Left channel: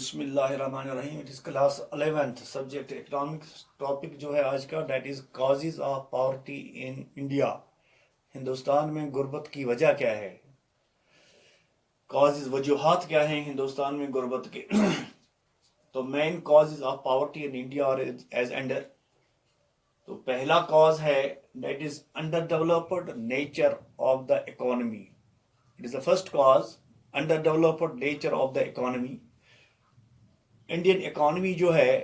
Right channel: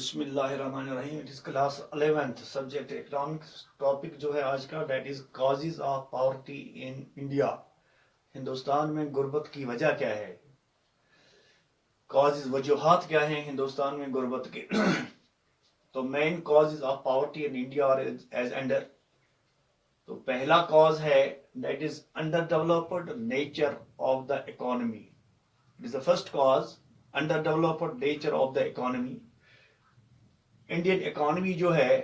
बिस्मिल्लाहिर्रहमानिर्रहीम। It is class 11th subject economics. Topic जो है आज का that is causes of poverty in India. Hindustan में गुर्बत की वजह क्या है, कॉजेज वजूहात क्या हैं हिंदुस्तान में गुर्बत के। तो main causes of poverty in India are as under. तो पहला कॉज है that is underdeveloped nature of the economy. It is the first cause, underdeveloped nature of the economy. Indian economy जो है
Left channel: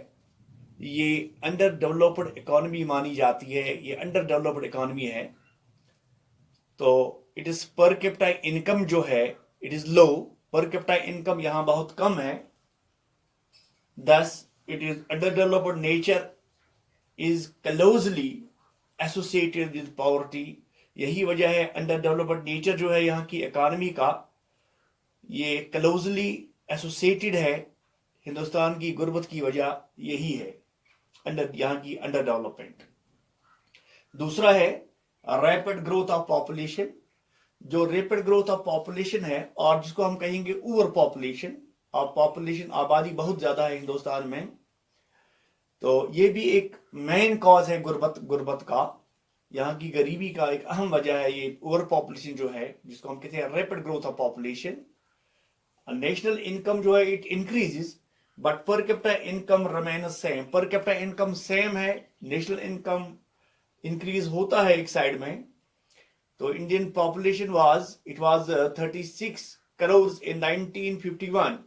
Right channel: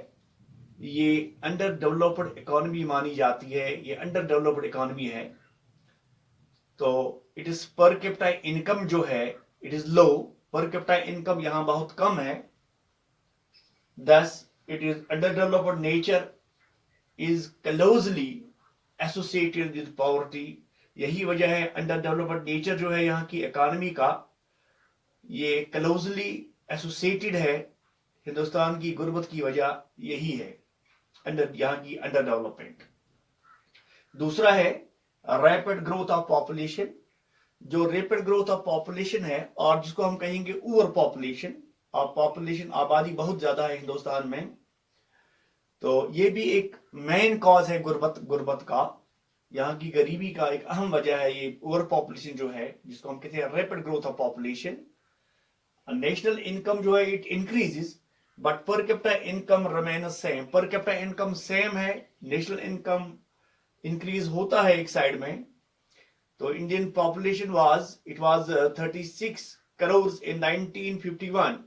ये under developed economy मानी जाती है, ये अंडर डेवलप्ड इकोनॉमी है। तो it is per capita income जो है it is low, per capita income यहां बहुत कम है। Thus it is underdeveloped nature is closely associated with poverty. यही वजह है अंडर डेवलप्ड नेचर जो है यहाँ की इकोनॉमी का, ये क्लोजली एसोसिएटेड है हिंदुस्तान की गुर्बत की वजह यही है, अंडर यहाँ की अंडर डेवलपमेंट। दूसरा है रैपिड ग्रोथ ऑफ पॉपुलेशन। जो रैपिड ग्रोथ ऑफ पॉपुलेशन है और जिसको हम कहेंगे ओवर पॉपुलेशन, और पॉपुलेशन आबादी बहुत ज्यादा है हिंदुस्तान में, तो ये भी एक मेन कॉज है गुर्बत का। यहाँ की गरीबी का एक अहम वजह है ये ओवर पॉपुलेशन जो है, जिसको हम कहते हैं rapid growth of population. National income जो है it increases but per capita income remain same. Per capita income same है, नेशनल इनकम इंक्रीज होता है एक साइड में। तो इंडियन पॉपुलेशन वाज 36 करोड़ इन 1951।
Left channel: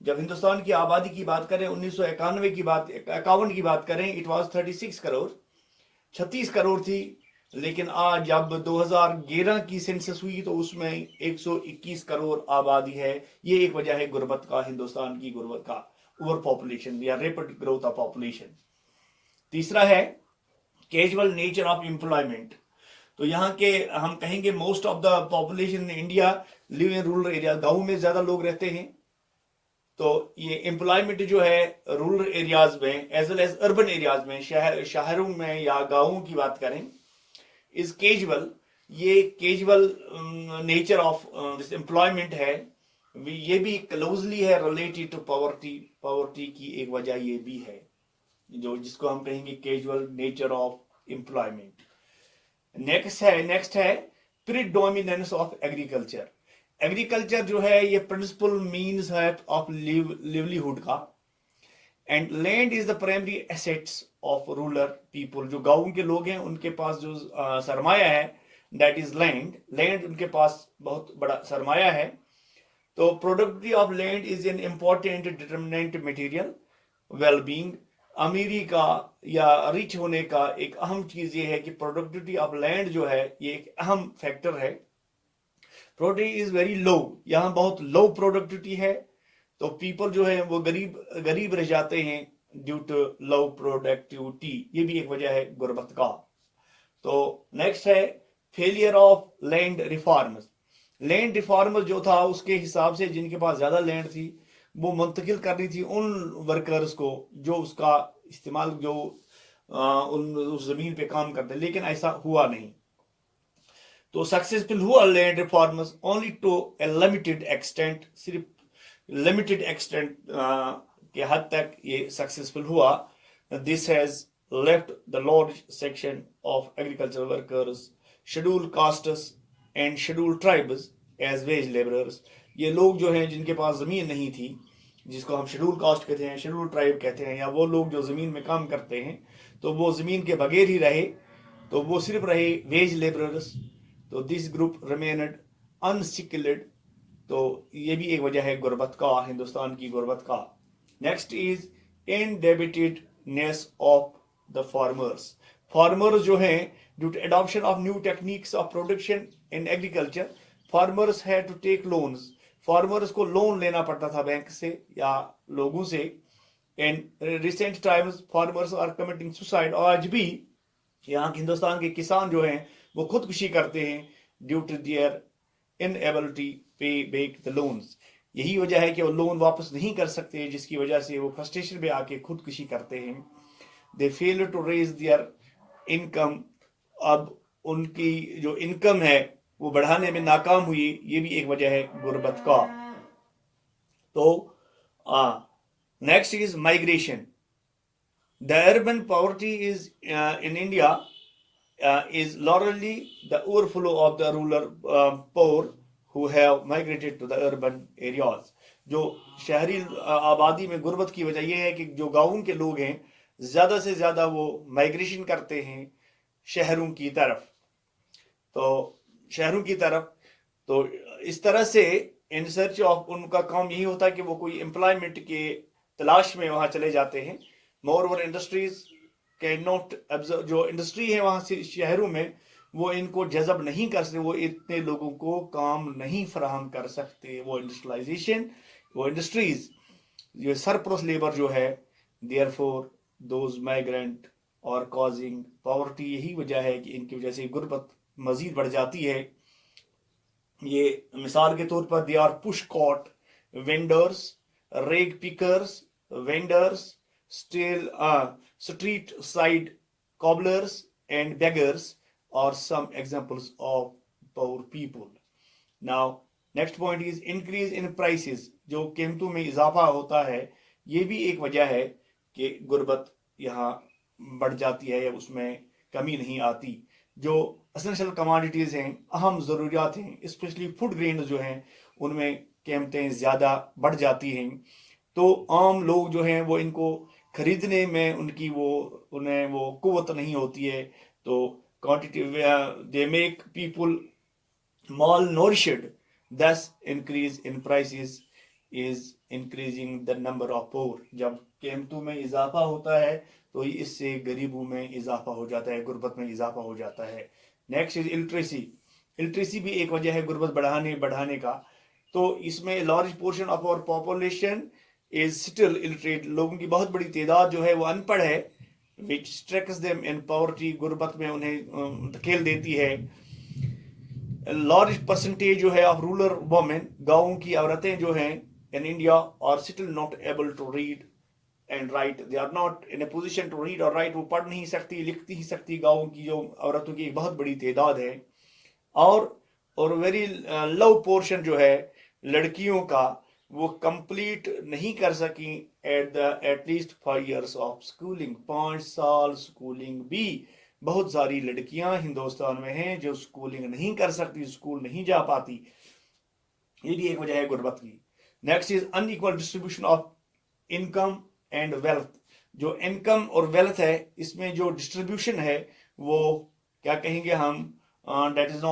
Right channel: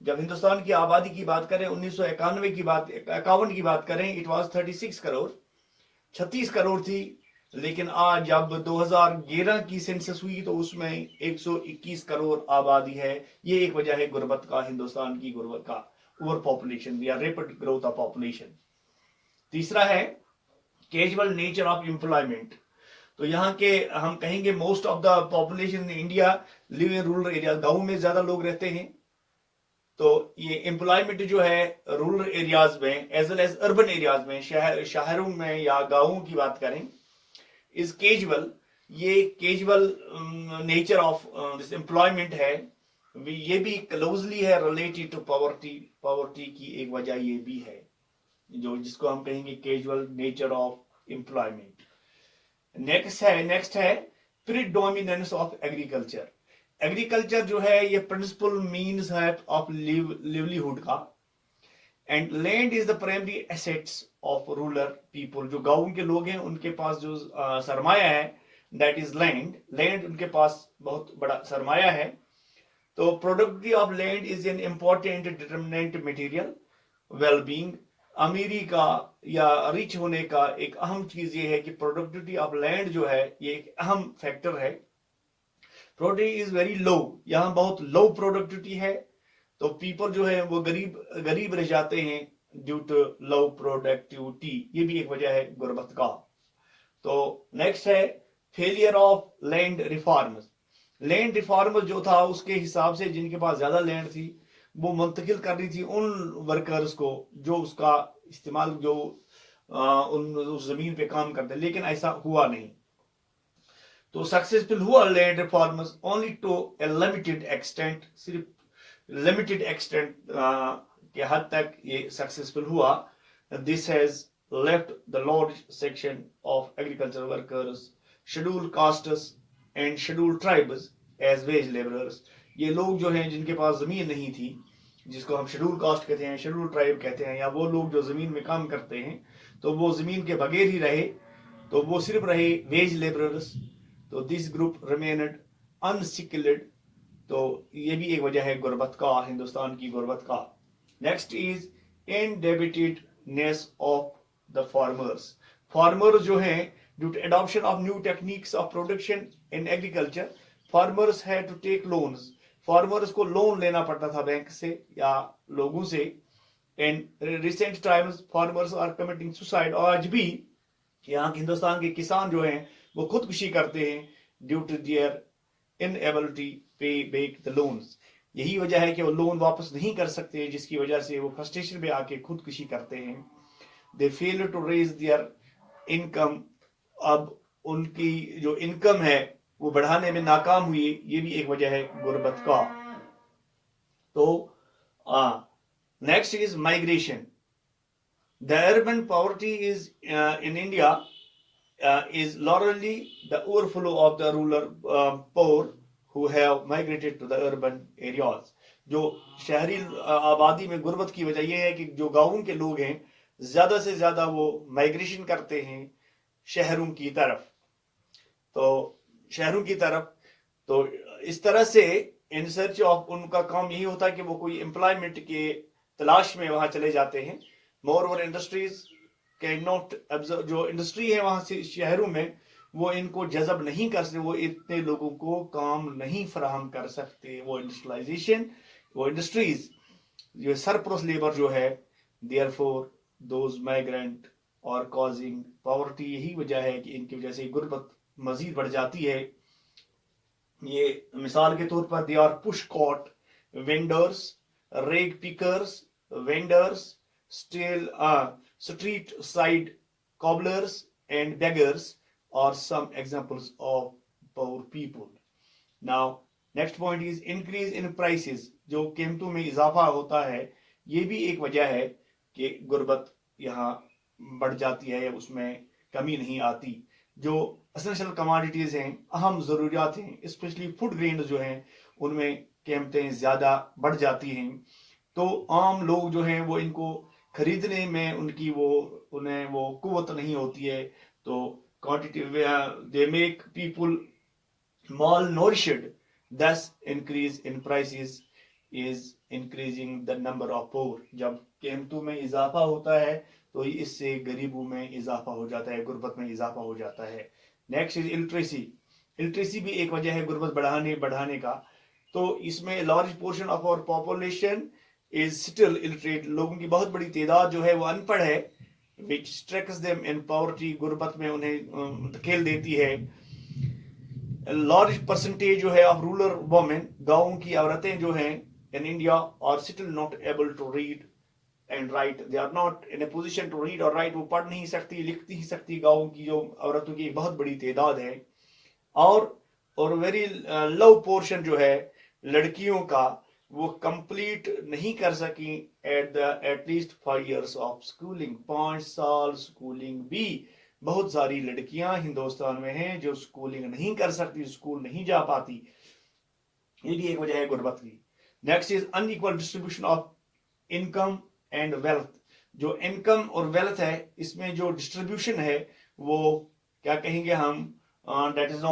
जब हिंदुस्तान की आबादी की बात करें 1991 की बात 51 की बात करें, इट वाज 36 करोड़, 36 करोड़ थी। लेकिन आज जब 2011 की सेंसस हुई तो उसमें 121 करोड़ आबादी है। ये एक वजह है गुर्बत का, हिंदुस्तान की गुर्बत का, ओवर पॉपुलेशन या रैपिड ग्रोथ ऑफ पॉपुलेशन। तीसरा है कैजुअल नेचर ऑफ एम्प्लॉयमेंट। तो यहाँ के हम कहेंगे most of the population in India live in rural area, गांव में ज्यादा लोग रहते हैं। तो ये एम्प्लॉयमेंट जो है रूरल एरियाज में as well as urban areas में, शहरों में या गांवों की बात करें, इज कैजुअल। ये casual nature of this employment है, ये भी क्लोजली है रिलेटेड टू पॉवर्टी। पॉवर्टी की एक वजह ये भी है, जो जिसको हम कहेंगे casual nature of employment. Next है प्रीडोमिनेंस ऑफ एग्रीकल्चर। एग्रीकल्चर जो है ये प्रिंसिपल मीन्स है ऑफ लिवलीहुड का, and land is the primary assets of rural people. जो गांव के लोग हैं उनके पास जो सरमाया है दैट इज लैंड। लैंड उनके पास बहुत बड़ा सरमाया है। तो productivity of land is an important determinant material wellbeing. अमीरी का या रिच होने का एक अहम चीज ये है कि प्रोडक्टिविटी ऑफ लैंड जो है ये एक अहम फैक्टर है। प्रोडक्टिविटी इज वेरी लो, यहाँ बहुत लो प्रोडक्टिविटी है, तो पीपल जो है वो गरीब रह जाते हैं ड्यू टू लो प्रोडक्टिविटी। ये भी एक वजह है गुर्बत का। तो नेक्स्ट है failure of land reforms. Land reforms जो था उसके हिसाब से जिनके पास ज्यादा लैंड थी वो मुंतकिल करनी थी उन वर्कर्स को जो उसका इस्तेमाल जो उस जमीन पे काम करते, लेकिन ऐसा हुआ नहीं। तो सक्सेसफुल हुआ land reforms only to a limited extent, सिर्फ लिमिटेड एक्सटेंट के हद तक ये सक्सेसफुल हुआ। This has left the large section of agriculture workers, scheduled castes and scheduled tribes as wage labourers. ये लोग जो हैं जिनके पास जमीन नहीं थी, जिसको हम शेड्यूल कास्ट कहते हैं, शेड्यूल ट्राइब कहते हैं, या वो लोग जो जमीन में काम करते हैं तो वो जमीन के बगैर ही रहे, तो वो सिर्फ रहे वेज लेबरर्स। तो दिस ग्रुप रिमेन्ड अनस्किल्ड। तो ये भी एक वजह है गुर्बत का, हिंदुस्तान की गुर्बत का। Next is indebtedness of the farmers. Farmers जो हैं due to adoption of new techniques of production in agriculture, farmers had to take loans. Farmers को लोन लेना पड़ता था बैंक से या लोगों से। In recent times farmers are committing suicide. आज भी यहाँ के हिंदुस्तान के किसान जो हैं वो खुदकुशी करते हैं ड्यू टू देयर इनएबिलिटी पे बैक द लोन्स। यही वजह है कि वो लोन वापस नहीं कर सकते, जिसकी वजह से वो फ्रस्ट्रेशन में आके खुदकुशी करते हैं। They fail to raise their income. अब उनकी जो इनकम है वो बढ़ाने में नाकाम हुई, ये भी एक वजह है गुर्बत का। तो Next is migration. The urban poverty is in India is largely the overflow of the rural poor who have migrated to the urban areas. जो शहरी आबादी में गुर्बत की वजह यह है कि जो गाँव के लोग हैं ज्यादा से ज्यादा वो माइग्रेशन करते हैं शहरों की तरफ। तो शहरों की तरफ तो इस तरह से इन सर्च ऑफ उनका काम यही होता है कि वो कोई एम्प्लॉयमेंट के तलाश में वहां चले जाते हैं। More over industries can not observe, जो इंडस्ट्री है वहां से शहरों में वो इनको जज़ब नहीं कर सकते, वो इतने लोगों को काम नहीं फराहम कर सकते। वो इंडस्ट्रियलाइजेशन, वो इंडस्ट्रीज जो सरप्लस लेबर जो है, देयरफॉर दोज माइग्रेंट और कॉजिंग पॉवर्टी, यही वजह है कि इनकी वजह से गुर्बत मजीद बढ़ जाती है। ये मिसाल के तौर पर they are push cart vendors, rag pickers, vendors, street side cobblers and beggars are some examples of poor people. Now next point is increase in prices. जो कीमतों में इजाफा होता है ये भी एक वजह है कि गुर्बत यहाँ बढ़ जाती है या उसमें कमी नहीं आती। जो एसेंशियल कमोडिटीज हैं, अहम ज़रूरियात हैं, स्पेशली फूड ग्रेन्स जो हैं उनमें कीमतें ज़्यादा बढ़ जाती हैं। तो आम लोग जो हैं वो इनको खरीदने में उन्हें वो कुव्वत नहीं होती है। तो क्वांटिटी दे मेक पीपल माल नोरिश्ड, दस increase in prices is increasing the number of pore. जब कीमतों में इजाफा होता है तो इससे गरीबों में इजाफा हो जाता है, गुर्बत में इजाफा हो जाता है। Next is illiteracy. इलिटरेसी भी एक वजह है गुर्बत बढ़ाने का। तो इसमें large portion of our population is still illiterate. लोगों की बहुत बड़ी तादाद जो है वो अनपढ़ है, विच स्ट्रेक्स देम इन पॉवर्टी, गुर्बत में उन्हें धकेल देती है। लार्ज परसेंटेज जो है ऑफ रूरल वुमेन, गाँव की औरतें जो हैं in India are still not able to read and write. They are not in a position to read और राइट। वो पढ़ नहीं सकती, लिख नहीं सकती। गाँव की जो औरतों की एक बहुत बड़ी तादाद है। और वेरी लो पोर्शन जो है लड़कियों का वो कंप्लीट नहीं कर सकी एटलीस्ट 5 years ऑफ स्कूलिंग। 5 साल स्कूलिंग भी बहुत सारी लड़कियां हिंदुस्तान में हैं जो स्कूलिंग नहीं कर सकती, स्कूल नहीं जा पाती। ये भी एक वजह है गुर्बत की। Next is unequal distribution of income and wealth. जो इनकम और वेल्थ है इसमें जो डिस्ट्रीब्यूशन है वो क्या कहेंगे हम, that is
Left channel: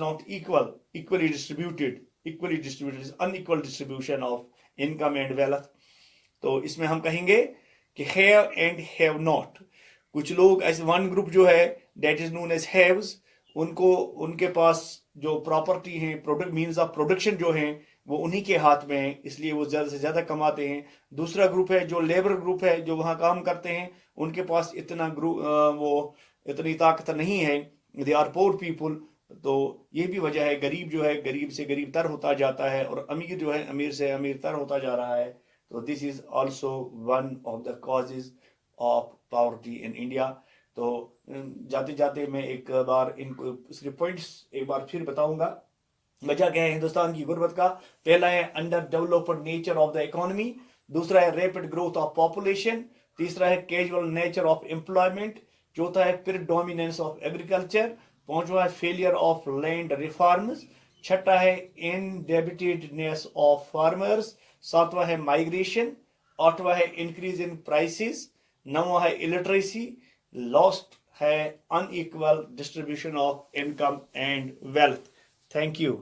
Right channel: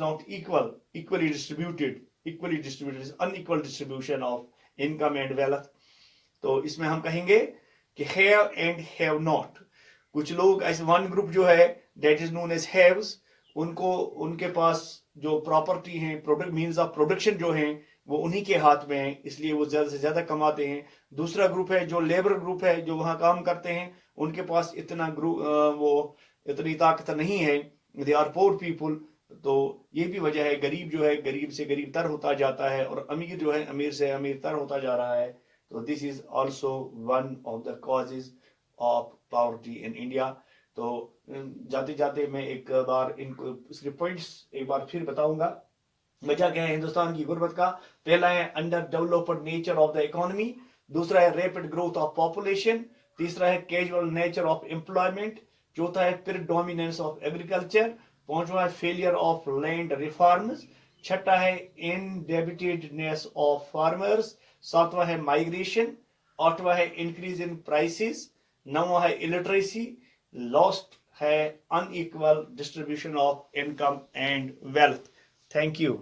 not equally distributed, unequal distribution of income and wealth। तो इसमें हम कहेंगे कि have and have not। कुछ लोग ऐसे वन ग्रुप जो है that is known as haves, उनके पास जो प्रॉपर्टी है, प्रोडक्ट मीन्स ऑफ प्रोडक्शन जो है वो उन्हीं के हाथ में है, इसलिए वो ज्यादा से ज्यादा कमाते हैं। दूसरा ग्रुप है जो लेबर ग्रुप है, जो वहां काम करते हैं, उनके पास इतनी ताकत नहीं है, दे आर पोर पीपुल। तो ये भी वजह है, गरीब जो है गरीब से गरीब तर होता जाता है और अमीर जो है अमीर से अमीर तर होता जा रहा है। तो this is also one of the causes of poverty in India. तो जाते जाते मैं एक बार इनको सिर्फ पॉइंट्स एक बार फिर बताऊंगा। वजह क्या है हिंदुस्तान की गुर्बत का। पहला है under developed nature of the economy, दूसरा है रैपिड ग्रोथ ऑफ पॉपुलेशन, तीसरा है कैजुअल नेचर ऑफ एम्प्लॉयमेंट, चौथा है प्रीडोमिनेंस ऑफ एग्रीकल्चर, पांचवा है फेलियर ऑफ लैंड रिफॉर्म्स, छठा है इनडेबिटेडनेस ऑफ फार्मर्स, सातवा है माइग्रेशन, आठवा है इंक्रीज इन प्राइसेस, नौवा है इलिटरेसी, लास्ट है unequal distribution of income and wealth. Thank you.